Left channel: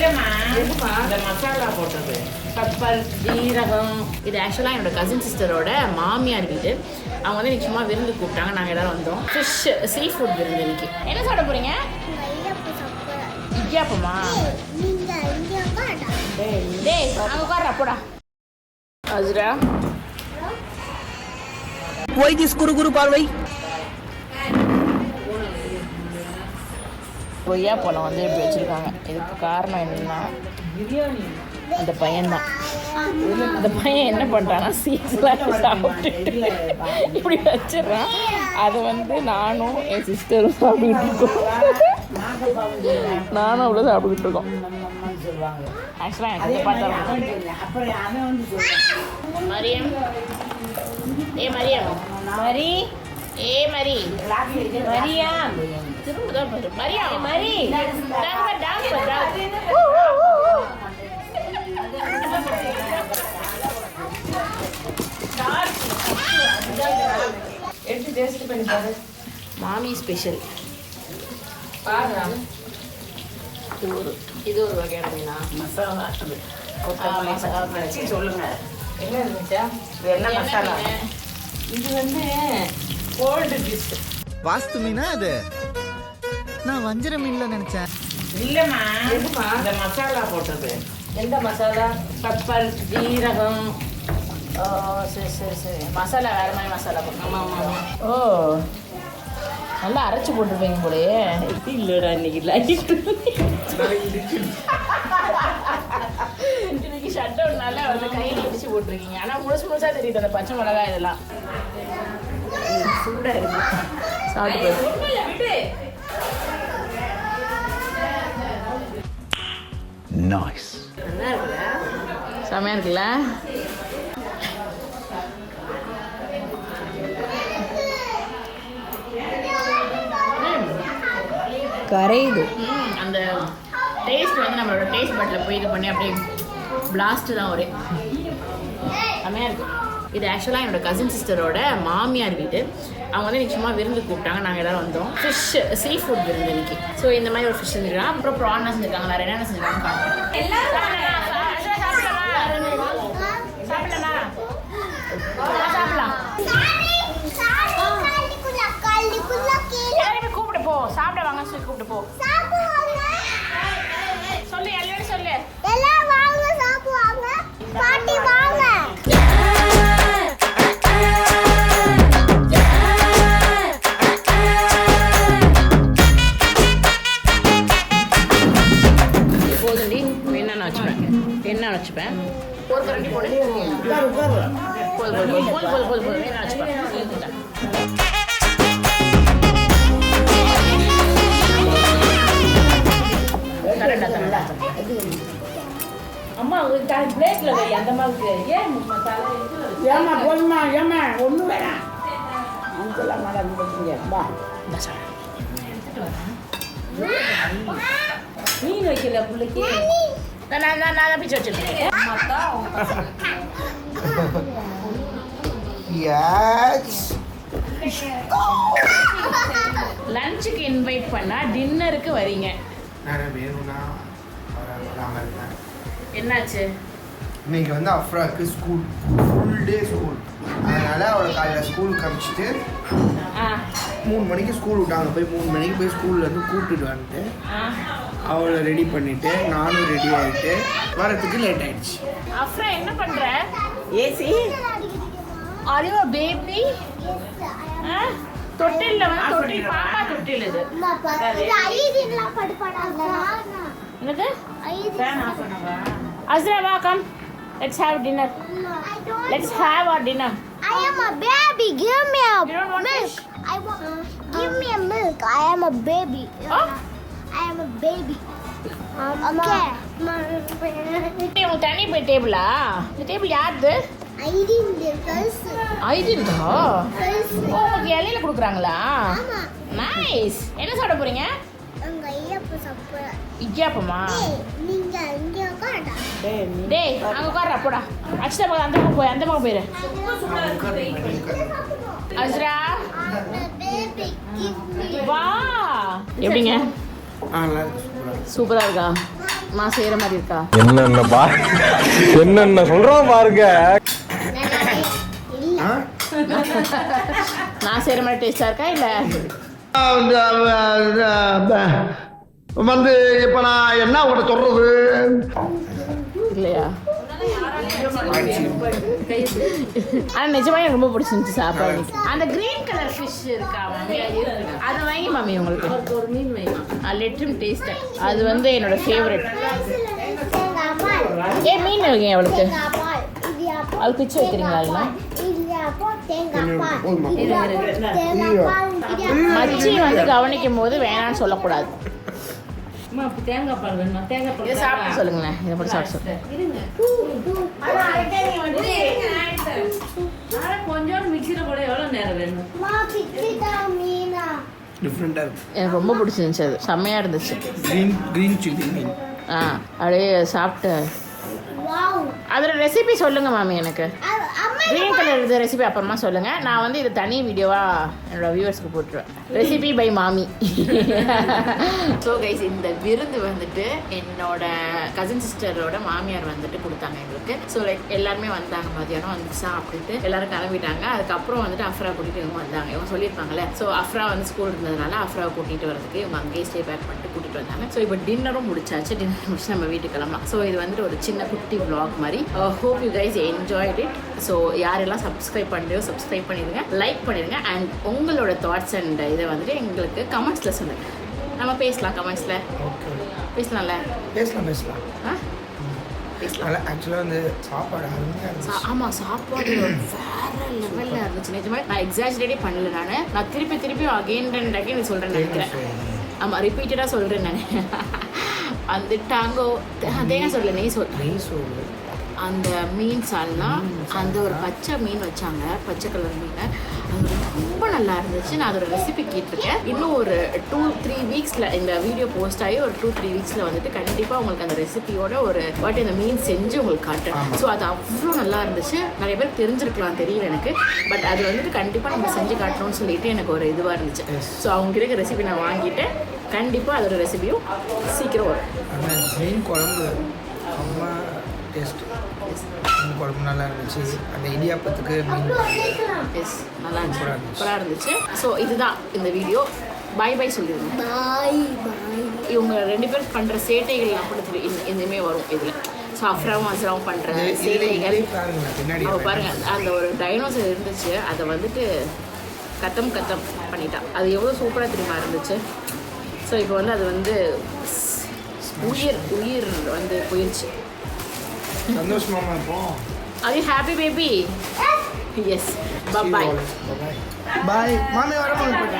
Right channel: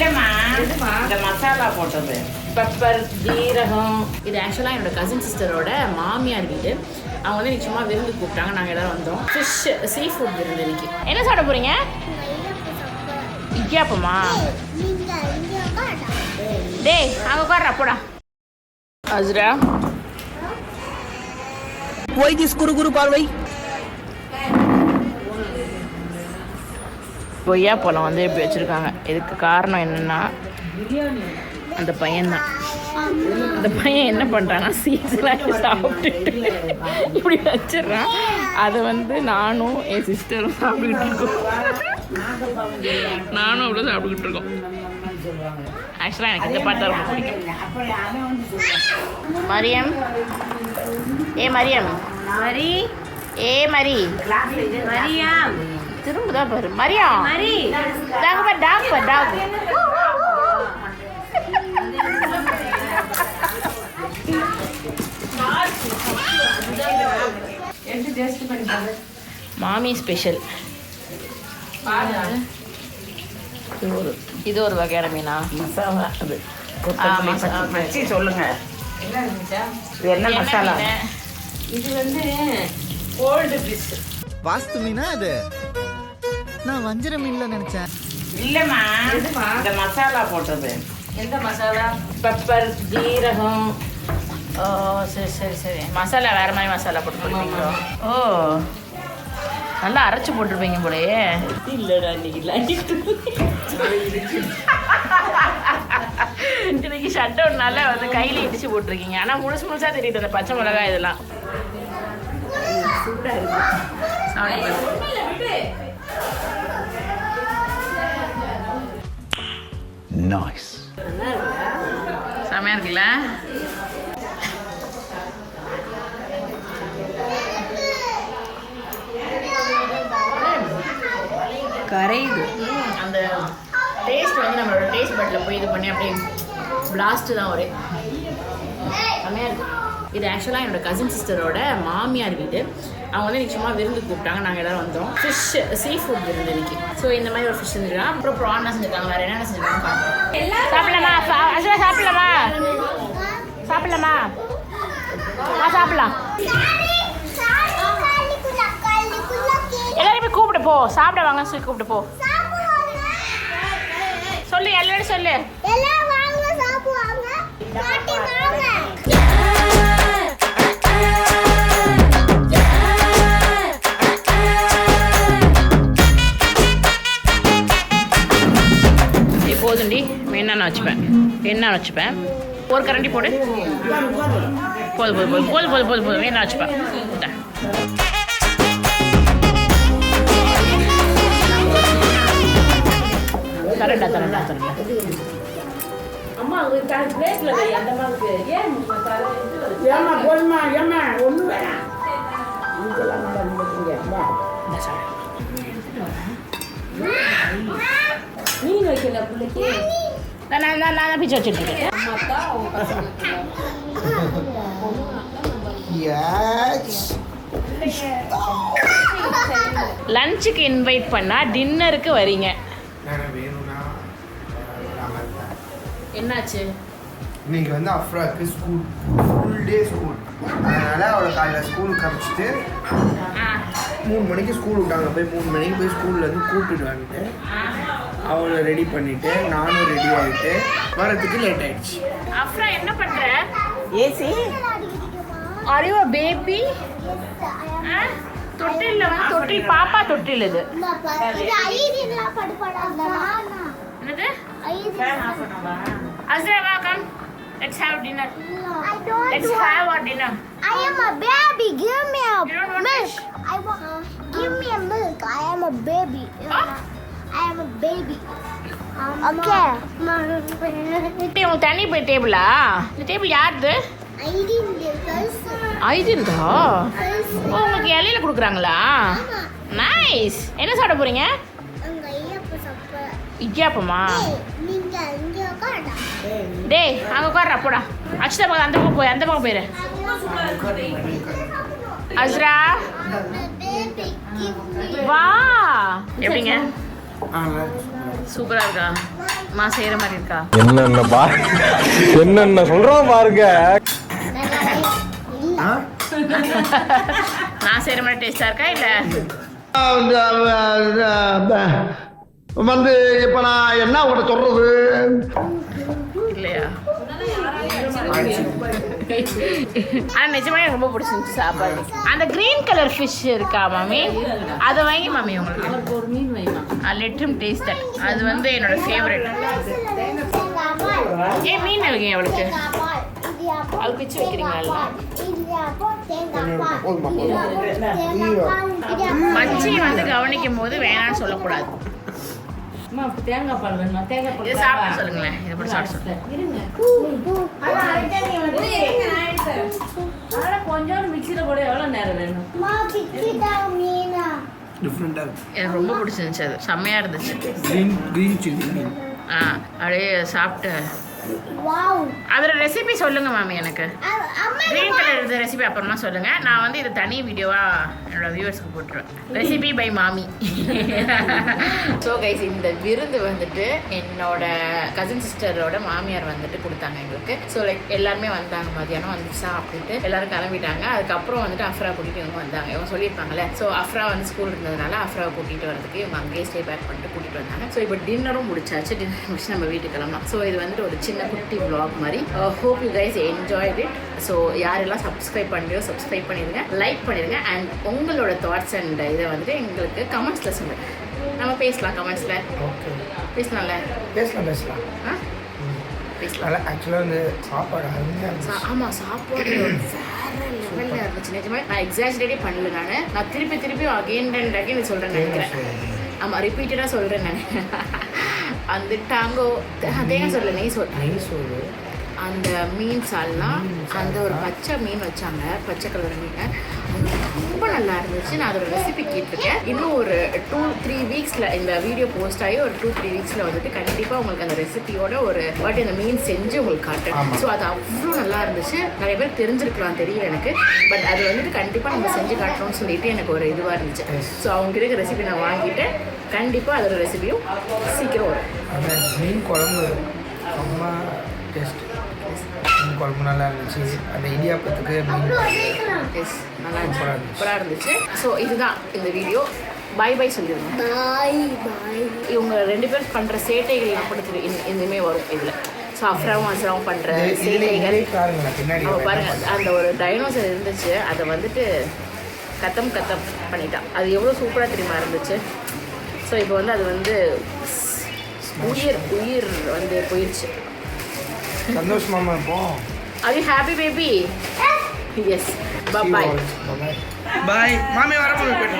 இல்லைம்மா, இந்த மசாலா போட்டது பெப்பர் ஜீரகம். இது ஆக்சுவலாக என்னோட கசின் சிஸ்டரோட மாமியார் வீடு. அவங்க வந்து எனக்கு சும்மா விருந்து கூப்பிட்டாங்க, நாங்கள் எல்லாரும் வந்தோம். ஃபிஷ் சீ ஃபுட் விருந்து இன்னைக்கு. என்ன சாப்பிட போறீங்க? இடியாப்பமா? டேய் அங்கே உட்கார்றா போடா. அஸ்ரா Why this குரு பார்வை? கொய்யா பழம் வந்து இப்படி வச்சுருக்காங்க. இதுக்கு காரணம் என்னென்னா அந்த பையன்தான். அந்த பையன் என்ன பண்ணுறான்னா சீட்ஸ்லாம் சாப்பிட்டுட்டு இப்படி வச்சிடறான். அதை வந்து நானும் என் சிஸ்டரும் சாப்பிட்டுக்கிட்டு இருக்கோம். நானும் அவ்வளோ சாப்பிட்டுக்கிட்டு இருக்கோம். ஆக்சுவலாக எனக்கு இந்த பாட்டு தான் ரொம்ப பிடிக்கும். மரியம், ஏ மரியம், மரி, ஏ மரி, மரியம், திரும்பதான் பாரு மரியம், மரி, டாங்க டாங்க டாங்க. மாமி ஸ்பெஷல். இது ஒரு வகையான மீனா? சொல்லுங்க. என்ன மீன்? இது வந்து கோல்டு ஃபிஷ். வாஸ்து மீனா அது? நான் வஞ்சர மீன்ல நினைச்சேன். இல்லம்மா, இந்த மசாலா போட்டது. எந்த மசாலா? பெப்பர் ஜீரகம். ஓ சரி சரி சரி. மசாலா வேறு மாதிரி மசாலா போட்டு போடுவீங்களோ? ஓ நல்லா அரைச்சி போட்டிருப்பீங்க போலயே. இல்லைடா இன்னைக்கு லைட் இன்னைக்கு ஷட் டவுன்னால வந்து கையில் இடிச்சு போட்டிருக்கீங்க. ஆனால் முழுசாக தெரியுது அந்த பச்சை மிளகாய் இதெல்லாம். சூடாக இருக்கு. சாப்பிட்டு நைஸ். நல்லா இருக்குல்ல? செமையாக இருக்குல்ல? கரையுது. அந்த டேஸ்ட் வந்து நம்மளோட டேஸ்ட் பட்டில் போய் இது பண்ணி அப்படியே பிளாஸ்ட்டு தான் ஒரே செமையாக இருக்குது. இது ஆக்சுவலாக என்னோட கசின் சிஸ்டரோட மாமியார் வீடு. அவங்க வந்து எனக்கு சும்மா விருந்து கூப்பிட்டாங்க, நாங்கள் எல்லோரும் வந்தோம். ஃபிஷ் சீ ஃபுட் விருந்து இன்னைக்கு. ஸோ இந்த மாதிரி ஒரு ஃபிஷ் செஞ்சுருக்காங்க. அப்புறம் ப்ரான் செஞ்சுருக்காங்க. வேறு என்னென்ன செஞ்சுருக்காங்க பார்க்கலாம். சாப்பிடலாமா? சாப்பிடலாமா? சாப்பிடலாமா? சாப்பிடலாம். எல்லாருமே கூப்பிட்டு போ. சாப்பிட வாங்க சொல்லி கூப்பிட்டு போ. சொல்லு எல்லாரும் சொல்லு. போதுண்டி, வேணா வச்சுப்பேன். என்ன வச்சுப்பேன்? ஒரு கரண்டி போடு. போது போது போது போது போது போது போது வேணா வச்சுப்பேன். தரண்டா தரண்டா தரண்டா. அம்மா உங்களுக்கு பிளேட்ல அந்த மாதிரி ஏன் ஏமா போதுமா? ஏமா ஒண்ணு வேணாம். இதெல்லாம் மேடம் போடுங்க. அம்மா மீன் வைக்கல புள்ளைக்கு. நான் பிச்சு வச்சுருக்கேன். லஞ்சுக்கு இன்வைட் பண்ணா டின்னருக்கு வரீங்க. என்னாச்சு? இன்னைக்கு வந்து அஃப்ராக்கு ஸ்கூல் ஃபுல் டே ஸ்கூல். அதனால் அவளை காலையில் ஸ்கூல் கழிச்சிட்டு 3 மணிக்கு ஸ்கூல் விட்டாங்க. போய் 3 மணிக்கு போய் ஸ்கூல்லேருந்து கூப்பிட்டுட்டு வந்துட்டு அவளை ரெடி பண்ணிவிட்டு நானும் ரெடி ஆகிட்டு வரத்துக்கு லேட் ஆகிடுச்சு. அஃப்ரா என்ன பண்ணுற? ஏசி அறிவா பேபி தொட்டில் வந்து தொட்டில் பாப்பா தொட்டில். இது என்னது? Azra, welcome. Let's have dinner. Let's have our dinner. I am a baby. Give me a You don't want milk. I want. Give me a milk. I am a baby. I am a baby. Okay. உங்க தனி டேபிளா? இந்த table யாருது? ஐடின்தா? ஓ உங்களுக்கு இலையில கொடுக்குறாங்களா? Nice. என்ன சாப்பிட போறீங்க? இடியாப்பமா? டேய் அங்கே உட்கார்றா போடா. அச்சுதா பக்கம் அந்த பக்கம் போய் அந்த பக்கம் போயிரு. அஸ்ரா வா. எப்படிங்க? நல்லா இருக்கு சூப்பராக சூப்பராக இருக்கா? மா செய்கிற மாதிரி இருக்கா? என்னென்ன சொல்றோம் பாருங்க. இல்ல ஆ நான் செய்கிற மாதிரி டேஸ்ட்டாக இருக்கா இல்லை? வந்து இப்ப நான் என்ன உங்களை சொல்றது? இல்லையா? ஆனா நிஜமா எனக்கு ரொம்ப பிடிச்சிருந்துச்சு சாப்பாடு. அந்த கிரீன் கலர் ஃபிஷ் இருக்கா மாமி? அதை வாங்கி மாமி உங்களுக்கு. ஒரு மீன் வேணும். Let him taste that. அது வந்து என்னோட ஃபேவரட். ஏன் மீன் வைங்க அவளுக்கு. அது பிச்சு வைக்கிறீங்களா? மச்சி வந்து கவனிக்கும் போது வேணான்னு சொல்லக்கூடாது. அம்மா அப்ப தேங்காய் பால் வேணும். தேங்காய் இதை பால் சாப்பிட்டு சொல்லுங்களேன். இதை போட்டு சாப்பிட்டு சொல்லுங்க. கொஞ்சோண்டு மிக்சியில போட எவ்வளவு நேரம் வேணும்? டிஃப்ரெண்ட்டாக இருக்கு. எனக்கு ரொம்ப பிடிச்சிருந்துச்சு. அது செம்மையாக இருந்துச்சு. க்ரீன் சில்லி மீன். அப்படியே சாப்பிட்டு அதோட ரெசிபி சொல்லுங்க மாமி. எனக்கு கிரீன் கலர் இருந்த ரெசிபி அப்புறமா சொல்லுங்க. நான் வந்து இது தனி வீடியோவா என்னோட வியூவர்ஸ்க்கு போட்டுருவேன். ரெசிபி பை மாமி. ஸோ கைஸ், இந்த விருந்து வந்துட்டு என்னோட கசின் சிஸ்டரோட மாமியார் வந்துட்டு கொடுத்தாங்க எங்களுக்கு. ஸோ லைக் எல்லாருமே வந்தாங்க. மதியானம் வந்துச்சா அப்படின்ட்டு எல்லாரும் கிளம்பிட்டாங்க. அதுக்கப்புறம் வந்துட்டு அஃப்ரா கூட்டிட்டு இவங்க வந்தாங்க. இவங்க சொல்லியிருப்பாங்கல்ல. ஸோ அஃப்ரா வந்து ஸ்கூல் இருந்ததுனால அஃப்ராவை கூட்டிட்டு வரதுக்கு இவங்க அங்கேயே ஸ்டே பேக் பண்ணிட்டு கூட்டிட்டு வந்தாங்க. ஸோ இப்போ டின்னரும் முடிச்சாச்சு. டின்னர் முடிச்சு நம்ம வீட்டுக்கு கிளம்பலாம். ஸோ இது வந்துட்டு ஒரு சின்ன குட்டி vlog மாதிரி. Hope you guys enjoyed it. So யாரெல்லாம் சப்ஸ்கிரைப் பண்ணலையோ சப்ஸ்கிரைப் பண்ணிடுங்க, லைக் பண்ணிடுங்க. அண்ட் உங்களோட தாட்ஸ் அண்ட் இதை வந்துட்டு எங்களுக்கு கமெண்ட்ஸில் சொல்லுங்க. நம்ம பேசலாம் கமெண்ட்ஸில். ஓகே, பேசலாம்ல? பேசலாம். ஆ நல்லா ஆக்சுவலாக வந்து சாப்பாடு அருமையாக இருந்துச்சு. ஆமாம், சாப்பாடு வேற லெவலில் இருந்துச்சு. நிஜமாக நான் எக்ஸாஜரேட்டே பண்ணல. நான் திருப்பி அகெயின் அண்ட் அகெயின் சொல்கிறேன் நினைக்கிறேன். ஆமாம், ரிப்பீட்டடாக சொல்கிறேன் நான். அந்த டாங்கோ தேங்காய் சொல்லு, நெய் சோறு, அந்த மீன் சால்னா, அந்த ஒரு பச்சை மீன் வச்சாங்க, பச்சை கலர் மீன். அது ரொம்ப நல்லா இருந்துச்சு. நான் அதோட ரெசிபி கேட்டிருக்கேன். இன்னும் ஒரு 2-3 வீக்ஸில் இந்த வீடியோ போஸ்ட் ஆகி ஒரு 2-3 வீக்ஸில் வந்துட்டு கண்டிப்பாக உங்களுக்கு அந்த ரெசிபியோட ஒரு வாட்டி அந்த மீன் செஞ்சு உங்களுக்கு காட்டுறேன். ஸோ அது அவ்வளோ நல்லா இருந்துச்சு. நிறைய பேர் தெரிஞ்சிருக்கலாம், தெரியல எனக்கு. பட் அது வந்துட்டு கண்டிப்பாக நம்ம செஞ்சு காட்டணும்னு சொல்லிட்டு எனக்கு ஒரு இதுவாக இருந்துச்சு. ஸோ அவங்க இருக்க ரெசிபி நான் வாங்கிட்டு கண்டிப்பாக அதோட ரெசிபியும் சீக்கிரம் வரும். அந்த மீன் குழம்பு அம்மா டேஸ்ட்டு. மீன் குழம்பு நல்லா இருந்துச்சு. அந்த இடியாப்பத்துக்கு மீன் எஸ், நல்லா சூப்பராக இருந்துச்சு. ஸோ இதுதான் இந்த வீடியோ. பாய் பாய் சொல்லிடுங்க. இவங்க 2 பேர் பண்ணுற சேட்டைகள் அப்படி இனிமே வரும் இதில். ஸோ அஃப்ராவும் அஸ்ராவும் பண்ணுற சேட்டைகள் பின்னாடி பாருங்க. அந்த ஒரு டைனோசர் இருந்துச்சு, அதை வந்துட்டு கத்தம் பண்ணிட்டான். அது எவ்வளோ சூப்பராக தெரியுமா இருந்துச்சு. ஸோ இப்போ வந்து அது வந்து உயிர் வந்து போயிடுச்சு. சந்தோஷமா இருப்போம். Are you happy baby? Yes. Bye bye. Bye. Mami, வரப்போகுது.